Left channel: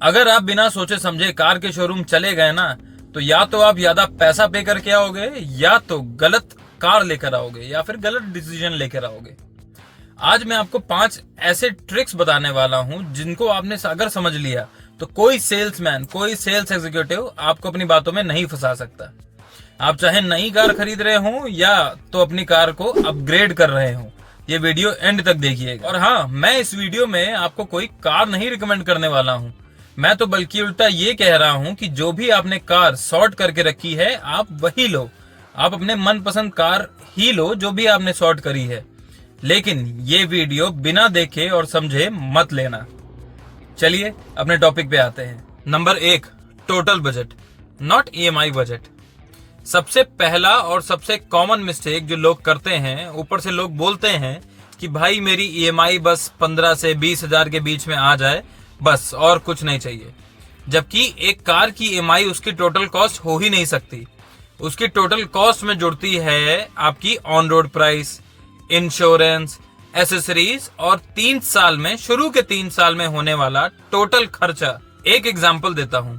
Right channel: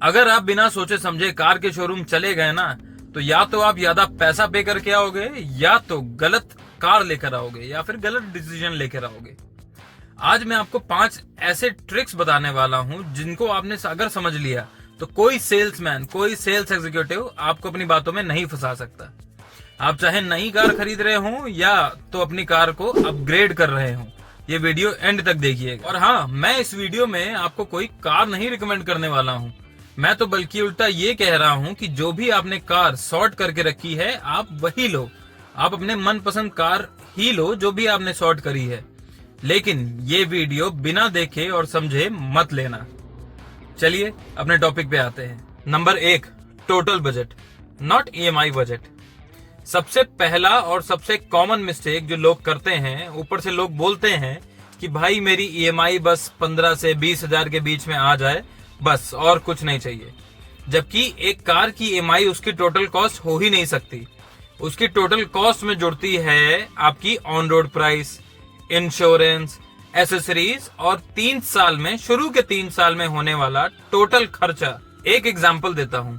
अगर आप बिना सोचे समझे कार के शोरूम चले गए ना, तो या तो आप ज्यादा पैसा पे करके आओगे, या तो गलत कार लेकर आओगे, या फिर गलत डिसीजन लेकर आओगे। आज मैं आपको 5 ऐसे ट्रिक्स बताने वाला हूं जिनको आपने अगर समझ लिया तो कोई सेल्समैन, कोई सेल्स एग्जीक्यूटिव आपको अपनी बातों में नहीं फंसा सकता। आप चाहे नई कार खरीद रहे हो या तो अपनी कार को अपग्रेड कर रहे हो, ये वीडियो एंड तक देखिएगा। और हाँ, मैं इस वीडियो में आपको कोई कार नहीं रिकमेंड करने वाला हूँ, मैं तो बल्कि उल्टा ये कह रहा हूँ कि जो भी आपने कार सॉर्ट करके रखी है आप वही लो। आप अपने मनपसंद कार ही लो जो भी आपने सॉर्ट करी है, लेकिन ये वीडियो बिना देखे और समझे मत लेना। चलिए अपने टॉपिक पे आते हैं। Number 1, total budget, not EMI budget. सबसे पहला और सबसे कॉमन मिस्टेक जो लोग करते हैं, ऊपर से लोग बोलते हैं कि भाई मेरी EMI बस 15 से 20 हजार के बीच में आ जाए, बस और कुछ नहीं चाहिए। जबकि एक कार की EMI उसकी टोटल कॉस्ट हो ही नहीं सकती। उसकी टोटल कॉस्ट में जुड़ती है आपकी on road price, insurance, accessories और 3 साल में, शुरू के 3 साल में होने वाला टोटल खर्चा। एक एग्जांपल देता हूं,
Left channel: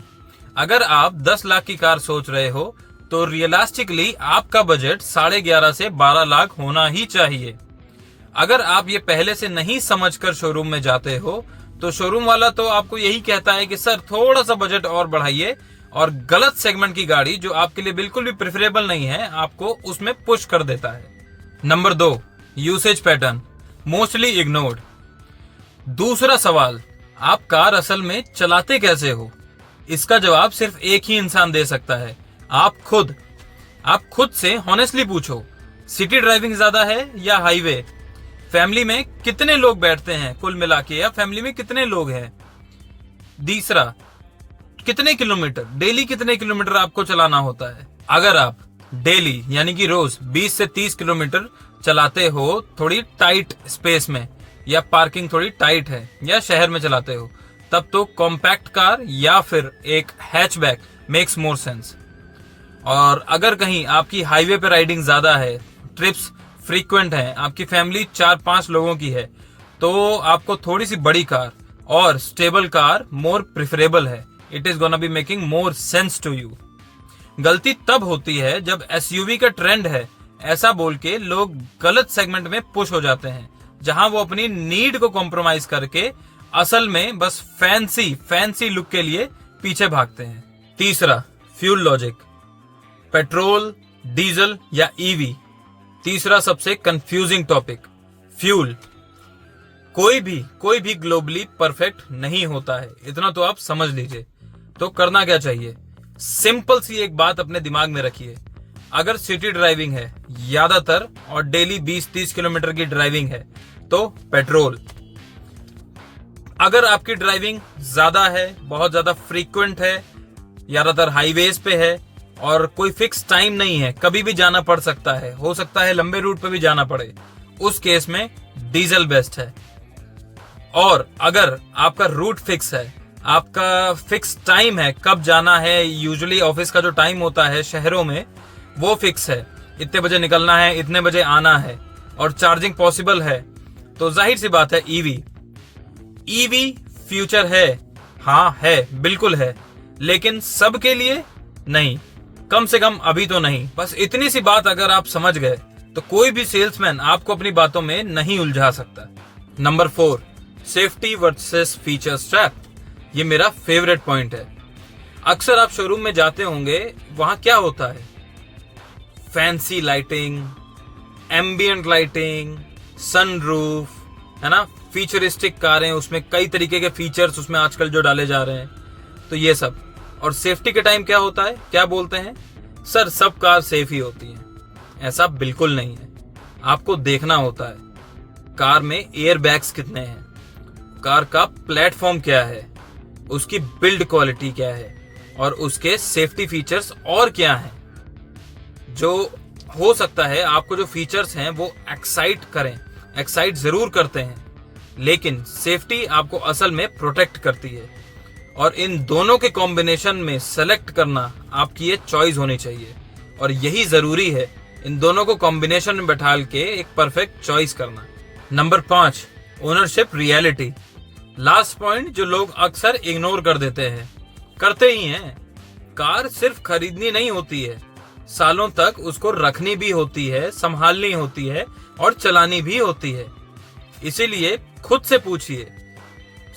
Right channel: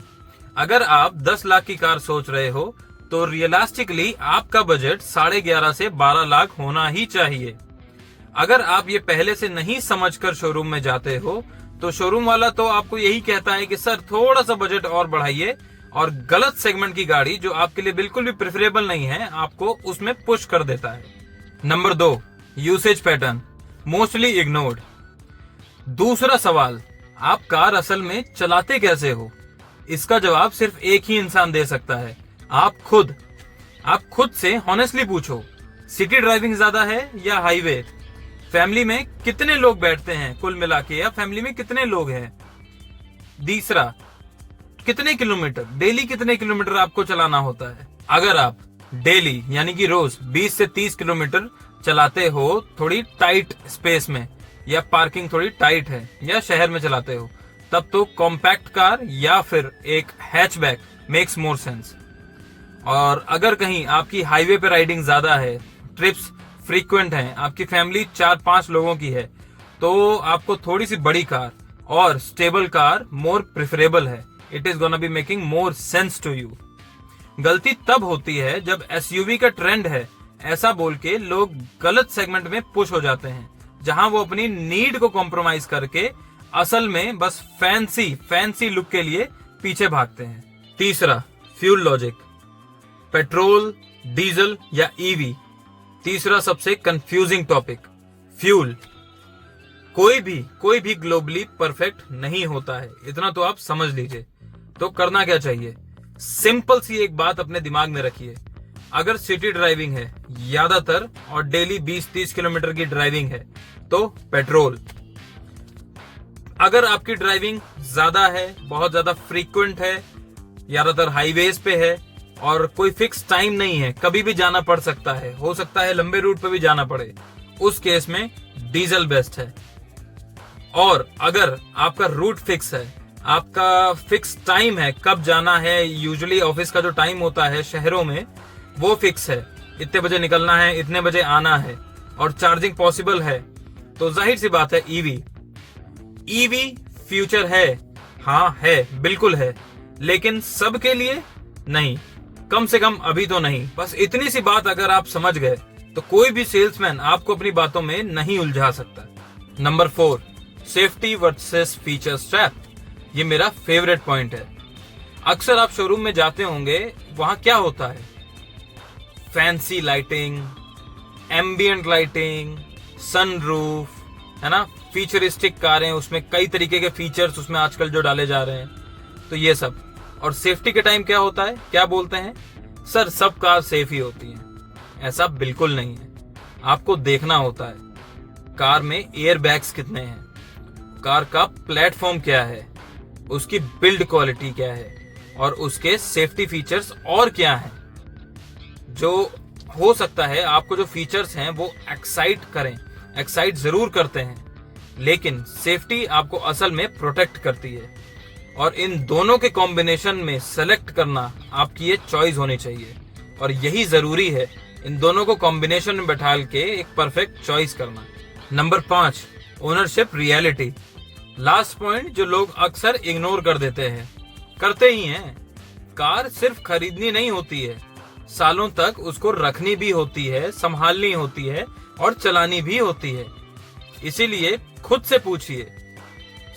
अगर आप 10 लाख की कार सोच रहे हो तो रियलिस्टिकली आपका बजट 11.5 से 12 लाख होना ही चाहिए। अगर आप ये पहले से नहीं समझकर शोरूम में जाते हो तो शोरूम वाला तो आपको यही कहता है कि सर थोड़ा सा बजट और बढ़ाइए, और गलत सेगमेंट की गाड़ी जो आपके लिए बिल्कुल भी प्रेफरेबल नहीं है आपको उसमें पुश कर देता है। Number 2, usage pattern, mostly ignored. दूसरा सवाल, आप कार असल में चलाते कैसे हो? इसका जवाब सिर्फ एक ही इंसान दे सकता है, आप खुद से हॉनेस्टली पूछो। सिटी ड्राइविंग ज्यादा है या हाईवे? फैमिली में कितने लोग बैठते हैं कुल मिला के, या फैमिली में कितने लोग हैं? तीसरा, कितने किलोमीटर, डेली कितने किलोमीटर आपको चलाना होता है? अगर आप डेली यानी कि रोज 20 से 30 किलोमीटर चलाते हो थोड़ी टाइट स्पेस में, या पार्किंग थोड़ी टाइट है, या शहर में चलाते हो, तब तो कॉम्पैक्ट कार या फिर एक हैचबैक मेक्स मोर सेंस। और अगर कहीं आपकी हाईवे पे राइडिंग ज्यादा है, ट्रिप्स फ्रीक्वेंट हैं, आपकी फैमिली 4-5 लोगों की है, तो आपको थोड़ी सी बड़ी कार और स्टेबल कार मोर प्रेफरेबल है। It is gonna be making more sense to you. गलती तब होती है जब SUV का ट्रेंड है ऐसा बोल के लोग गलत सेगमेंट में पुश हो जाते हैं, जहां वो अपनी नीड को कॉम्प्रोमाइज करके असल में बस फैंसी लुक के लिए पीछे भागते हैं। तीसरा, फ्यूल लॉजिक, पेट्रोल, डीजल या EV। तीसरा सबसे कंफ्यूजिंग टॉपिक, फ्यूल। कोई भी ग्लोबली परफेक्ट नहीं होता है, इतना तो आप समझ लीजिए। तो करना क्या चाहिए? सिंपल सी एक बात अपने दिमाग में रखिए, अगर सिटी ड्राइविंग है ज्यादातर और डेली 20-30 किलोमीटर की ड्राइविंग है तो पेट्रोल। अगर आपकी ड्राइविंग ज्यादा है, बहुत ज्यादा फ्रीक्वेंट है, ज्यादातर हाईवेज पे है और कोई फिक्स टाइम नहीं है, कभी भी जाना पड़ सकता है, हो सकता है लंबे रूट पे भी जाना पड़े, उस केस में डीजल बेस्ट है। और अगर आपका रूट फिक्स है, आपका फिक्स टाइम है कब जाना है, यूजुअली ऑफिस का जो टाइम होता है शहरों में वो फिक्स है, इतने बजे निकलना है, इतने बजे आना है, और चार्जिंग पॉसिबल है, तो जाहिर सी बात है EV फ्यूचर है। हाँ है, बिल्कुल है, लेकिन सबके लिए नहीं, कम से कम अभी तो नहीं। बस इतनी सी बात अगर आप समझ गए तो कोई भी सेल्समैन आपको अपनी बातों में नहीं उलझा सकता। Number 4, safety versus feature trap. ये मेरा फेवरेट पॉइंट है। अक्सर आप शोरूम में जाते होंगे, वहां क्या होता है? Fancy lighting, ambient lighting, sunroof, है ना, फीचरिस्टिक कारें, उसमें कई तरीके के फीचर्स उसमें आजकल जो डाले जा रहे हैं, तो ये सब। और सेफ्टी के टाइम क्या होता है, क्या बोलते हैं? सर सब कार सेफ ही होती हैं। ऐसा बिल्कुल नहीं है, आपको देखना होता है कार में एयर बैग्स कितने हैं, कार का प्लेटफॉर्म क्या है, उसकी बिल्ड क्वालिटी क्या है, और उसके सेफ्टी फीचर्स और क्या हैं। जो हो सकता है आपको जो फीचर्स हैं वो एक्साइट जरूर करते हैं, लेकिन सेफ्टी आपको असल में प्रोटेक्ट करती है। और इन दोनों के कॉम्बिनेशन में सेलेक्ट करना आपकी ये चॉइस होनी चाहिए, और यही जरूरी है, इन दोनों को कॉम्बिनेशन में बैठाल के एक परफेक्ट चॉइस करना। Number 5, ownership reality. Last point जो लोग अक्सर इग्नोर कर देते हैं, करते ही हैं, कार सिर्फ खरीदनी नहीं होती है, सालों तक उसको रखनी भी होती है, संभालनी होती है और चलानी भी होती है। इसीलिए खुद से पूछिए,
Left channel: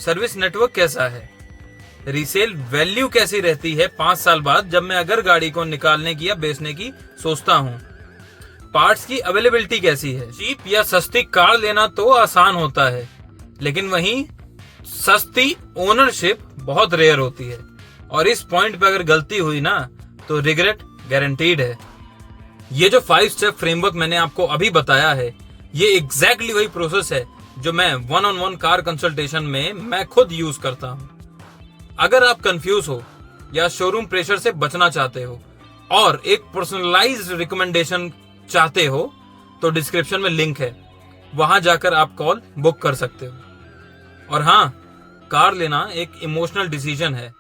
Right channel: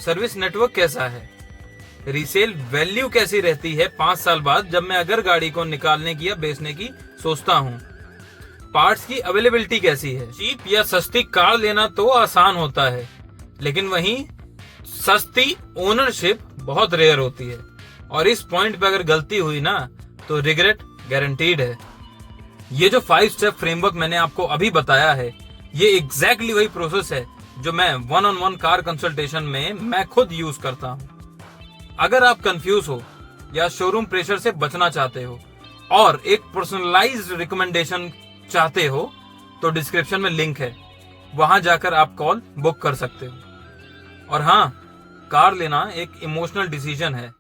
सर्विस नेटवर्क कैसा है, रीसेल वैल्यू कैसी रहती है 5 साल बाद जब मैं अगर गाड़ी को निकालने की या बेचने की सोचता हूँ, पार्ट्स की अवेलेबिलिटी कैसी है। चीप या सस्ती कार लेना तो आसान होता है, लेकिन वहीं सस्ती ओनरशिप बहुत रेयर होती है, और इस पॉइंट पे अगर गलती हुई ना तो रिग्रेट गारंटीड है। ये जो 5 स्टेप फ्रेमवर्क मैंने आपको अभी बताया है, ये एग्जैक्टली वही प्रोसेस है जो मैं 1-on-1 कार कंसल्टेशन में मैं खुद यूज करता हूँ। अगर आप कंफ्यूज हो या शोरूम प्रेशर से बचना चाहते हो और एक पर्सनलाइज्ड रिकमेंडेशन चाहते हो तो डिस्क्रिप्शन में लिंक है, वहां जाकर आप कॉल बुक कर सकते हो। और हाँ, कार लेना एक इमोशनल डिसीजन है,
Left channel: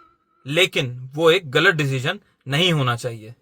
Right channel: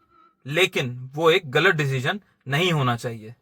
लेकिन वो एक गलत डिसीजन नहीं होना चाहिए।